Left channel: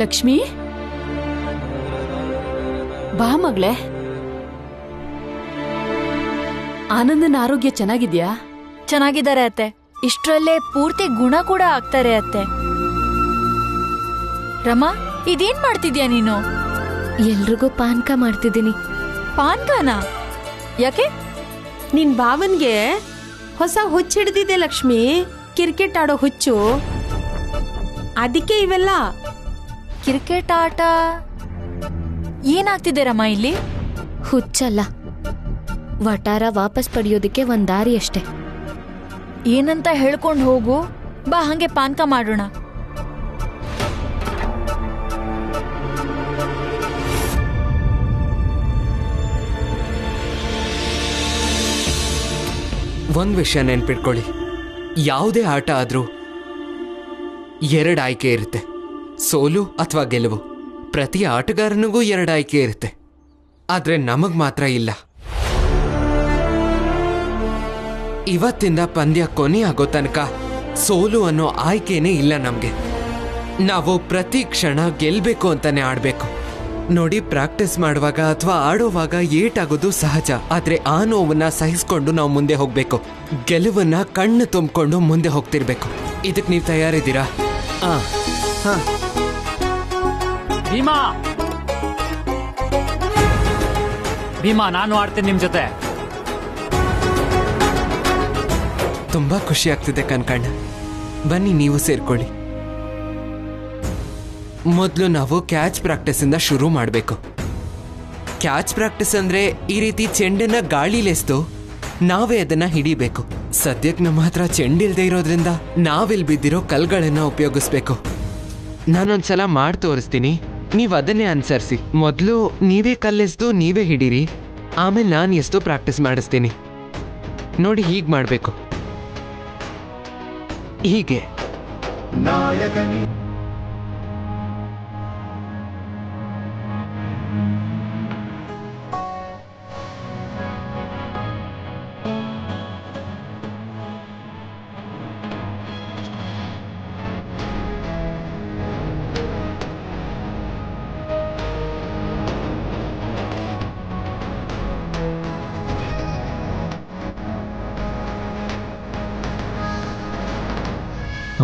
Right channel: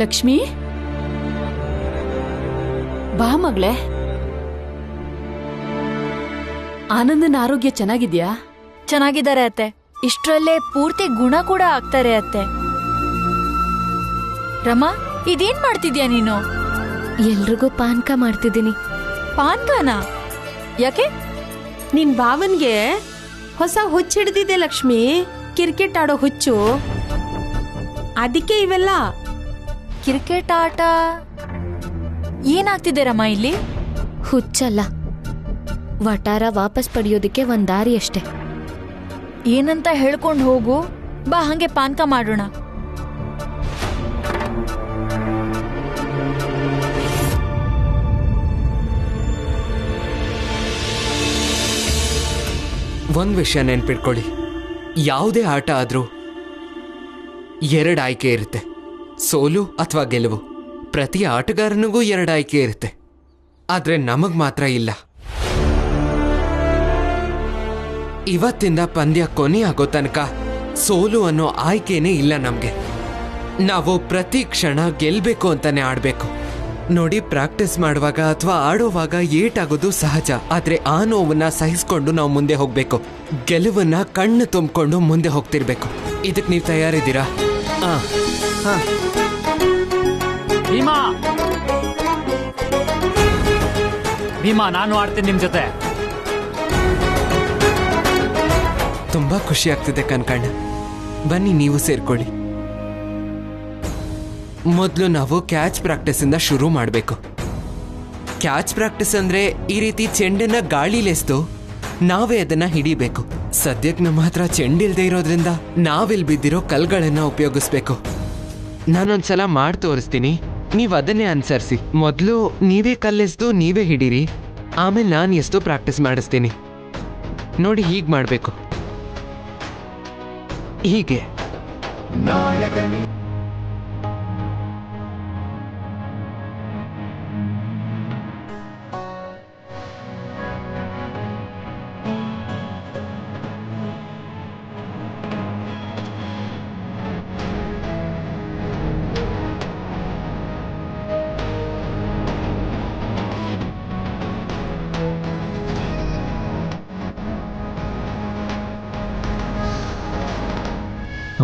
ಲಕ್ಷ್ಮಿ, ಬಾ ಮಗಳೇ. ಆನಂದನ ಆರೋಗ್ಯ ಚೆನ್ನಾಗಿದ್ಯಾ? ಚೆನ್ನಾಗಿದ್ದಾರೆ ಅತ್ತೆ. ಇಷ್ಟರಲ್ಲೇ ಪೂರ್ತಿ ಗುಣ ಕೂಡ ಆಗ್ತಾರೆ ಅತ್ತೆ. ರಮಾ, ಇದೇನ್ ಮಾಡ್ತಿದ್ಯಾ ನೀನು? ಎಲ್ರಿಗೂ ಪಾನ್ಕ ಮಾಡ್ತಿದ್ದೀನಿ. ಪಾನ್ಕಾನ? ಯಾಕೆ? ನಿನ್ ಭಾವನ್ಗೆ ಹೊಸ ಹುಚ್ಚು ಹಿಡ್ದಿದೆ ಲಕ್ಷ್ಮಿ. ಕ್ರಿಕೆಟ್ ಆಡೋ ಹುಚ್ಚು. ಅದಕ್ಕೆ ಇವೆಲ್ಲ. ಕ್ರಿಕೆಟ್ ಆಟ ಏನಾಗ್ತಿದೆ ರಮಾ ಇಲ್ಲಿ? ಹುಚ್ಚಲ್ಲ, ವಟಾರ ವಾಪಸ್ ಪಡೆಯೋದಕ್ಕೆ ಒಂದ್ ದಾರಿ ಅಷ್ಟೆ. ಏನಂತ ಹೇಳ್ಕೊಂಡು ಹೋಗು. ಬಾ, ಹಂಗೆ ಪಾನ್ಕ ಮಾಡೋಣ. ಒಂದ್ ವಿಷಯ ನೆನ್ಪಿಟ್ಕೊಳ್ಳಿ, ಯಾವುದೇ ಆಟ ಆದ್ರೂ 2 ಆಯ್ಕೆ ಇರುತ್ತೆ, ಸೋಲು ಅಥವಾ ಗೆಲುವು. ಪ್ರತಿ ಆಟಗಾರನಿಗೂ 2 ಆಯ್ಕೆ ಇರುತ್ತೆ, ಆದ್ರೆ ನಮಗ್ ಮಾತ್ರ ಇಲ್ಲ. ಇವತ್ತಿಂದ ಪಂದ್ಯ ಕೊನೆ ಆಗೋ ತನಕ ಸೋಲು ಅನ್ನೋ ಆಯ್ಕೆನೇ ಇಲ್ಲ ನಮ್ಗೆ. ನಾವು ಪ್ರತಿ ಕ್ಷಣ ಗೆಲ್ಬೇಕು ಅಂತಾನೆ ಆಡ್ಬೇಕು. ನೋಡಿ, ಪ್ರಾಕ್ಟೀಸ್ ಮಾಡುವಾಗ ಅಥವಾ ಆಡೋವಾಗ ಏಟಾಗೋದು ಸಹಜ, ಆದ್ರೆ ಆ ನೋವನ್ನ ಸಹಿಸ್ಕೊಂಡು ನಾವು ಮುಂದೆ ಹೋಗ್ಬೇಕು. ಗೆಲುವನ್ನ ಕಣ್ಣು ತುಂಬಿಕೊಂಡು ಮುಂದೆ ಹೋಗ್ತಿರ್ಬೇಕು. ಇದಕ್ ನೀವು ತಯಾರಿದ್ದೀರಾ? ಭೀಮಾ, ಭೀಮಾ, ನಾನು ಆಡ್ತೀನಿ ನಿಮ್ ಜೊತೆ. ತುಂಬಾ ಖುಷಿ ಆಗ್ತಿದೆ ಕನ್ಕಣ್ಣ. ಬನ್ನಿ, ನೀವು ಸೇರ್ಕೊಳ್ಳಿ. ಮೊದಲು ನಾವು ಕ್ಯಾಚ್ ಪ್ರಾಕ್ಟೀಸ್ ಇಂದ ಶುರು ಮಾಡಬೇಕು. ಕ್ಯಾಚ್ ಪ್ರಾಕ್ಟೀಸ್ ಅಂದ್ರೆ ಈ ರೀತಿ ಚೆಂಡನ್ನ ಗಾಳಿಲೆಸ್ದು ನಾವೇ ಅದನ್ನ ಹಿಡಿಬೇಕು. ಸದ್ಯಕ್ಕೆ ನಮ್ಮ ಹತ್ರ ಚೆಂಡಿಲ್ದೇ ಇರೋದ್ರಿಂದ ನಾವಿಲ್ ಬಿದ್ದಿರೋ ಕಲ್ಗಳನ್ನ ಉಪಯೋಗಿಸ್ಬೇಕು. ನಾನೊಂದ್ಸಲ ಮಾಡಿ ತೋರಿಸ್ತೀನಿ, ನೀವು ಅದನ್ನೇ ಅನುಸರಿಸಿ. ಮೊದಲು ನೀವೇ ಕಲ್ಲೆಸ್ದು ನೀವೇ ಹಿಡೀರಿ, ಆಮೇಲೆ ನಾನು ಎಷ್ಟು ಪ್ರಾಕ್ಟೀಸ್ ಮಾಡಿಸ್ತೀನಿ. ನೋಡಿ, ಹೀಗೆ ಮಾಡಬೇಕು. ಹೀಗೆ.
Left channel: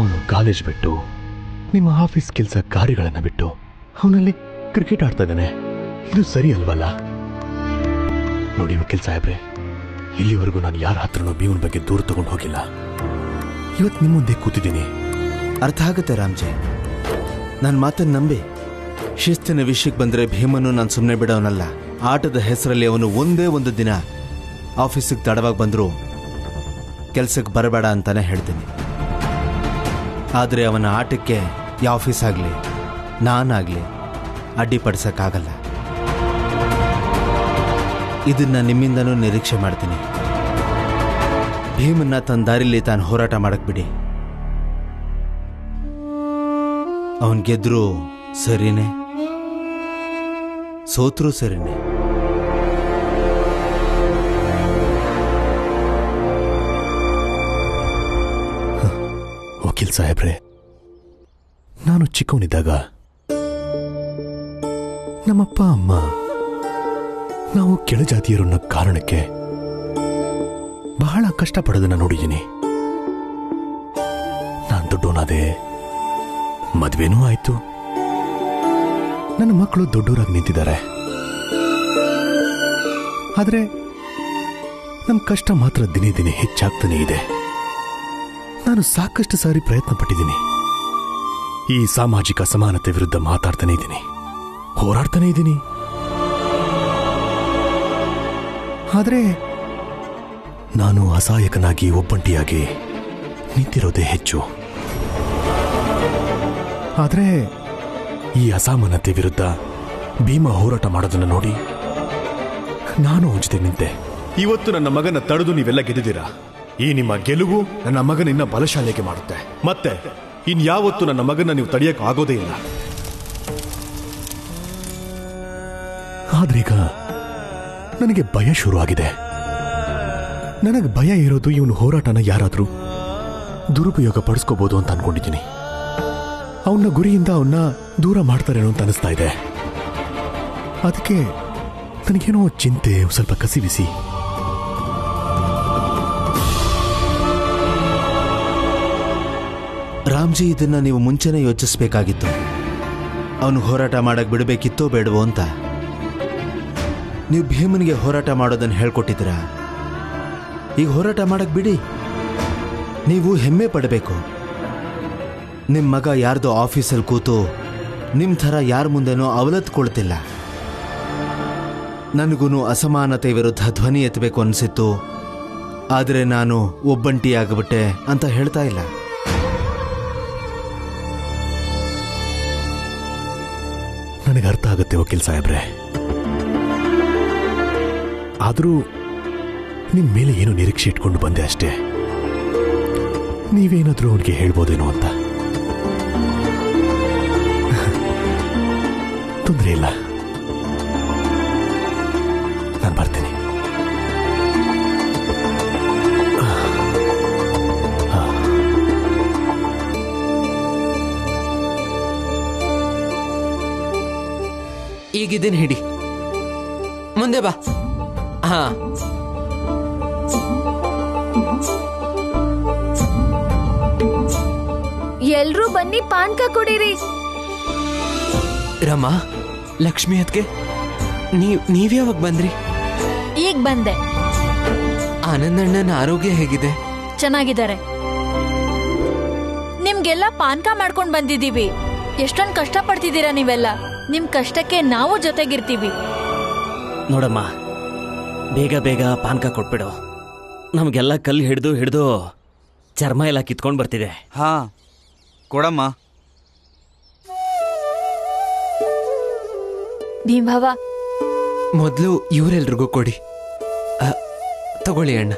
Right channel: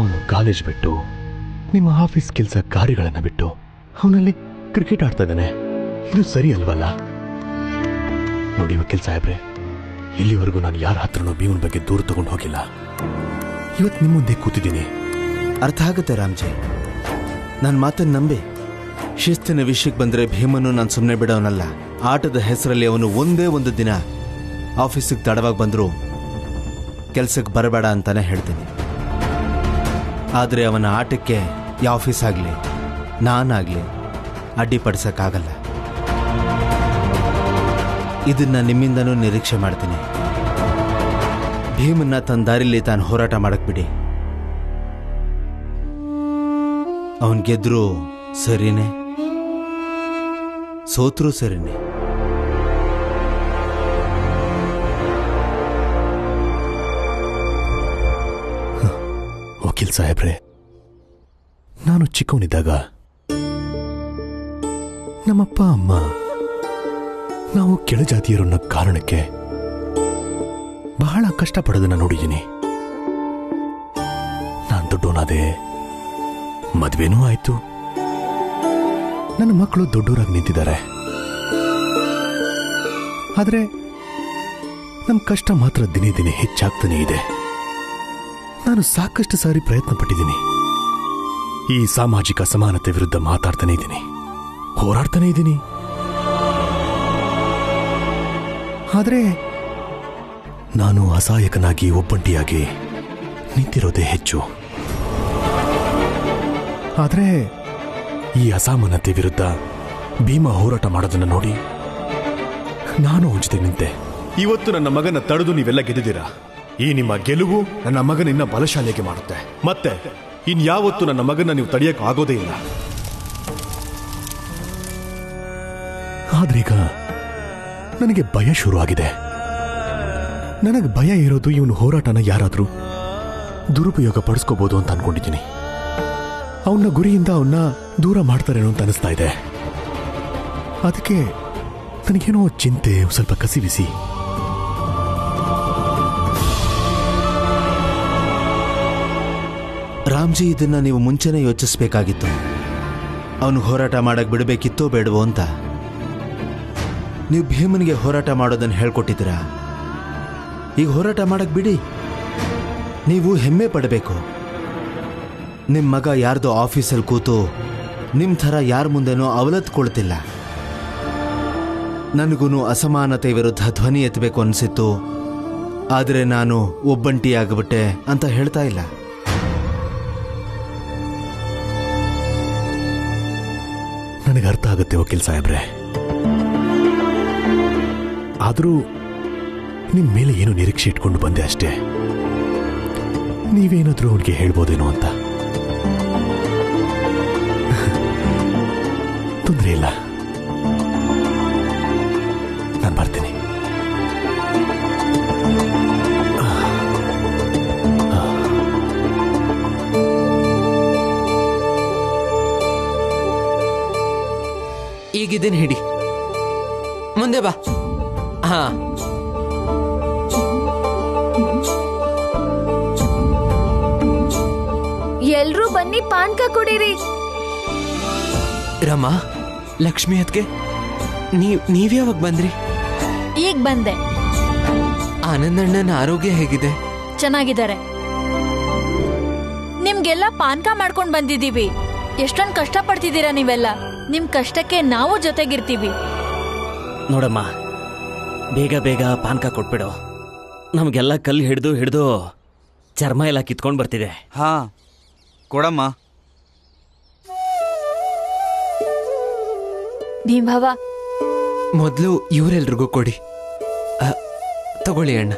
ಅವನು ಕಾಲೇಜ್ ಬಿಟ್ಟು, ನಿಮ್ಮ ಆಫೀಸ್ ಕೆಲಸ ಕಾರ್ಯಗಳನ್ನು ಬಿಟ್ಟು ಅವನಲ್ಲಿ ಕ್ರಿಕೆಟ್ ಆಡ್ತಾ ಇದ್ದಾನೆ. ಇದು ಸರಿ ಅಲ್ವಲ್ಲ? ನೋಡಿ ವಕೀಲ್ ಸಾಹೇಬ್ರೆ, ಇಲ್ಲಿವರೆಗೂ ನಾನು ಯಾರ ಹತ್ರನೂ ಭೀಮನ್ ಬಗ್ಗೆ ದೂರ ತಗೊಂಡು ಹೋಗಿಲ್ಲ. ಇವತ್ತು ನಿಮ್ಮ ಮುಂದೆ ಕೂತಿದ್ದೀನಿ. ಅರ್ಥ ಆಗುತ್ತೆ ರಾಮ್ಜಿ, ನನ್ನ ಮಾತನ್ನು ನಂಬಿ. ಶಿಸ್ತಿನ ವಿಷಯಕ್ಕೆ ಬಂದರೆ ಭೀಮನ್ನು ನಾನು ಸುಮ್ಮನೆ ಬಿಡೋನಲ್ಲ. ಆಟದ ಹೆಸರಲ್ಲಿ ಅವನು ಒಂದೇ ಒಂದು ದಿನ ಆಫೀಸಿಗೆ ತಡವಾಗಿ ಬಂದರೂ ಕೆಲಸಕ್ಕೆ ಬರಬೇಡ ಅಂತಾನೆ ಹೇಳ್ತೀನಿ. ಆದರೆ ಅವನ ಆಟಕ್ಕೆ ಯಾವ ಆಫೀಸ್ ಆಗಲಿ ನಾನಾಗಲಿ ಅಡ್ಡಿಪಡಿಸೋಕ್ಕಾಗಲ್ಲ. ಇದನ್ನ ನಿಮ್ಮಿಂದನೂ ನಿರೀಕ್ಷೆ ಮಾಡ್ತೀನಿ. ಭೀಮನ್ನ ತನ್ನ ದಾರಿಲಿ ತಾನು ಹೋರಾಟ ಮಾಡಕ್ ಬಿಡಿ. ಅವನ್ ಗೆದ್ರೂ ಸರಿನೇ, ಸೋತ್ರೂ ಸರಿನೇ. ವಕೀಲ್ ಸಾಹೇಬ್ರೆ, ನಾನು ಚಿಕ್ಕವನಿದ್ದಾಗ ನಮ್ಮಪ್ಪ ಅಮ್ಮ ನಾವು ಕೆಳಜಾತಿಯರು ಅನ್ನೋ ಕಾರಣಕ್ಕೆ ಬಹಳ ಕಷ್ಟಪಡೋದನ್ನ ನೋಡಿದ್ದೀನಿ. ನಾನು ದೊಡ್ಡವನಾದೆ, ಮದ್ವೆನೂ ಆಯ್ತು, ನನ್ನ ಮಕ್ಕಳು ದೊಡ್ಡವರಾಗಿ ನಿಂತಿದ್ದಾರೆ. ಆದ್ರೆ ನಮ್ಮ ಕಷ್ಟ ಮಾತ್ರ ದಿನೇ ದಿನೇ ಹೆಚ್ಚಾಗ್ತಾನೆ ಇದೆ. ನಾನು ಸಾಕಷ್ಟು ಸಾರಿ ಪ್ರಯತ್ನ ಪಟ್ಟಿದ್ದೀನಿ. ಈ ಸಾಮಾಜಿಕ ಸಮಾನತೆ ವಿರುದ್ಧ ಮಾತಾಡ್ತಾನೆ ಇದ್ದೀನಿ, ಹೋರಾಡ್ತಾನೆ ಇದ್ದೀನಿ. ಆದ್ರೆ ನಾನು ಅಸಹಾಯಕನಾಗಿ ಒಬ್ಬಂಟಿಯಾಗಿ ನಿಂತಿರೋದೇ ಹೆಚ್ಚು. ಆದ್ರೆ ಈ ಅಸಮಾನತೆ ವಿರುದ್ಧ ಭೀಮ ಹೋರಾಟ ಮಾಡೋದನ್ನ ನೋಡಿ ನಾನು ಅವನ ಜೊತೆ ನಿಂತೆ. ಇವತ್ತು ನನ್ನ ಮಗನ ತಡೆದು ನೀವೆಲ್ಲ ಗೆದ್ದಿದ್ದೀರಾ. ಈ ನಿಮ್ಮ ಗೆಲುವು ನನ್ನ ಮಗನಿನ್ನ ಬಲಶಾಲಿಯಾಗಿ ಮಾಡುತ್ತೆ. ಮತ್ತೆ ಇನ್ಯಾವತ್ತು ನನ್ನ ಮಗನ ನೀವು ತಡೆಯಕ್ಕೆ ಆಗೋದೇ ಇಲ್ಲ. ಆದ್ರೀಗ ನನಗೆ ಭಯ ಶುರು ಆಗಿದೆ. ನನಗೆ ಭಯ ಇರೋದು ಇವನು ಹೋರಾಟನ ಯಾರಾದ್ರೂ ದುರುಪಯೋಗ ಪಡಿಸ್ಕೋಬಹುದು ಅಂತ ಅನ್ಕೊಂಡಿದ್ದೀನಿ. ಅವನ ಗುರಿಯಿಂದ ಅವನ್ನ ದೂರ ಮಾಡ್ತಾರೇನೋ ಅಂತ ಅನಿಸ್ತಾ ಇದೆ. ಅದಕ್ಕೆ ನನಗೇನೋ ಚಿಂತೆ, ಸ್ವಲ್ಪ ಕಸಿವಿಸಿ. ರಾಮ್ಜಿ, ಇದನ್ನ ನೀವು ಮುಂಚೆನೇ ಯೋಚಿಸ್ಬೇಕಾಗಿತ್ತು. ಅವನು ಹೋರಾಟ ಮಾಡಕ್ ಬಿಡಬೇಕಿತ್ತೋ ಬೇಡವೋ ಅಂತ. ನೀವು ಭೀಮನಿಗೆ ಹೋರಾಟ ಮಾಡೋದನ್ನು ಹೇಳ್ಕೊಟ್ಟಿದ್ದೀರಾ. ಈಗ ಹೋರಾಟ ಮಾಡಕ್ ಬಿಡಿ. ನೀವು ಹೆಮ್ಮೆ ಪಡಬೇಕು. ನಿಮ್ಮ ಮಗ ಯಾರ್ದೋ ಆಫೀಸಲ್ಲಿ ಕೂತು ನಿಮ್ಮ ಥರ ಯಾರ ಮುಂದೆನೋ ಅವಲತ್ಕೊಳ್ತಿಲ್ಲ. ನನಗೂ ಅಸಮಾನತೆ ವಿರುದ್ಧ ಧ್ವನಿ ಎತ್ತಬೇಕು ಅನಿಸಿತ್ತು, ಆದರೆ ನಾನು ಒಬ್ಬಂಟಿಯಾಗ್ಬಿಟ್ಟೆ ಅಂತ ಹೇಳ್ತಾ ಇಲ್ಲ. ನನಗೆ ಅರ್ಥ ಆಗುತ್ತೆ ವಕೀಲ್ ಸಾಹೇಬ್ರೆ. ಆದರೂ ನಿಮ್ಮ ಮೇಲೆ ಏನು ನಿರೀಕ್ಷೆ ಇಟ್ಕೊಂಡು ಬಂದೆ ಅಷ್ಟೇ. ನೀವೇನಾದ್ರೂ ಅವನಿಗೆ ಹೇಳ್ಬೋದೇನೋ ಅಂತ. ತೊಂದರೆ ಇಲ್ಲ, ನಾನು ಬರ್ತೀನಿ. ಈಗಿದ್ದೇನೆ, ಹಿಡಿ, ಮುಂದೆ ಬಾ. ಹಾ, ಎಲ್ರೂ ಬನ್ನಿ ಪಾನ್ಕ ಕುಡೀರಿ. ರಮಾ, ಲಕ್ಷ್ಮಿ ಅದ್ಕೆ ನೀವ್ಯಾವಾಗ ಬಂದ್ರಿ? ಈಗ ಬಂದೆ. ಆನಂದಣ್ಣನ ಆರೋಗ್ಯ ಹೇಗಿದೆ? ಚೆನ್ನಾಗಿದ್ದಾರೆ. ನಿಮ್ಗೆಲ್ಲ ಪಾನ್ಕ ಮಾಡ್ಕೊಂಡ್ ಬಂದಿದೀವಿ. ಎಷ್ಟೊಂದ್ ಕಷ್ಟ ಪಡ್ತಿದ್ದೀರಾ ನೀವೆಲ್ಲ. ನಿಮ್ ಕಷ್ಟಕ್ಕೆ ನಾವು ಜೊತೆಗಿರ್ತೀವಿ. ನೋಡಮ್ಮ, ಬೇಗ ಬೇಗ ಪಾನ್ಕ ಕೊಟ್ಬಿಡು. ನಮ್ಗೆಲ್ಲ ಕಲ್ಲು ಹಿಡಿದು ಚರ್ಮ ಎಲ್ಲ ಕಿತ್ಕೊಂಡ್ ಬರ್ತಿದೆ. ಹಾ, ಕೊಡಮ್ಮ. ಭೀಮವ್ವ, ಮೊದಲು ಇವರೆಲ್ರಿಗೂ ಕೊಡಿ. ತಗೊಳ್ಳಿ ಅಣ್ಣ.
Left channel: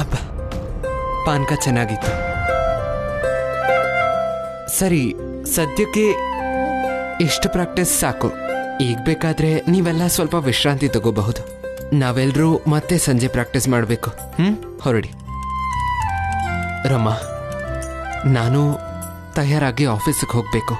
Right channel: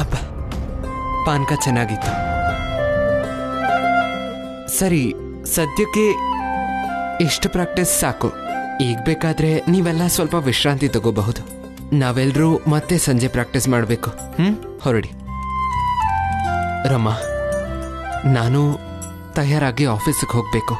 ಅಬ್ಬ, ಪಾನ್ಕ ಚೆನ್ನಾಗಿತ್ತು. ಸರಿ, ಸದ್ಯಕ್ಕೆ ಇಷ್ಟು ಪ್ರಾಕ್ಟೀಸ್ ಸಾಕು. ಈಗ ಬೇಕಾದ್ರೆ ನೀವೆಲ್ಲ ಸ್ವಲ್ಪ ವಿಶ್ರಾಂತಿ ತಗೋಬಹುದು. ನಾವೆಲ್ಲರೂ ಮತ್ತೆ ಸಂಜೆ ಪ್ರಾಕ್ಟೀಸ್ ಮಾಡಬೇಕು. ಹೊರಡಿ. ರಮಾ, ನಾನು ತಯಾರಾಗಿ ಆಫೀಸಿಗೆ ಹೋಗ್ಬೇಕು.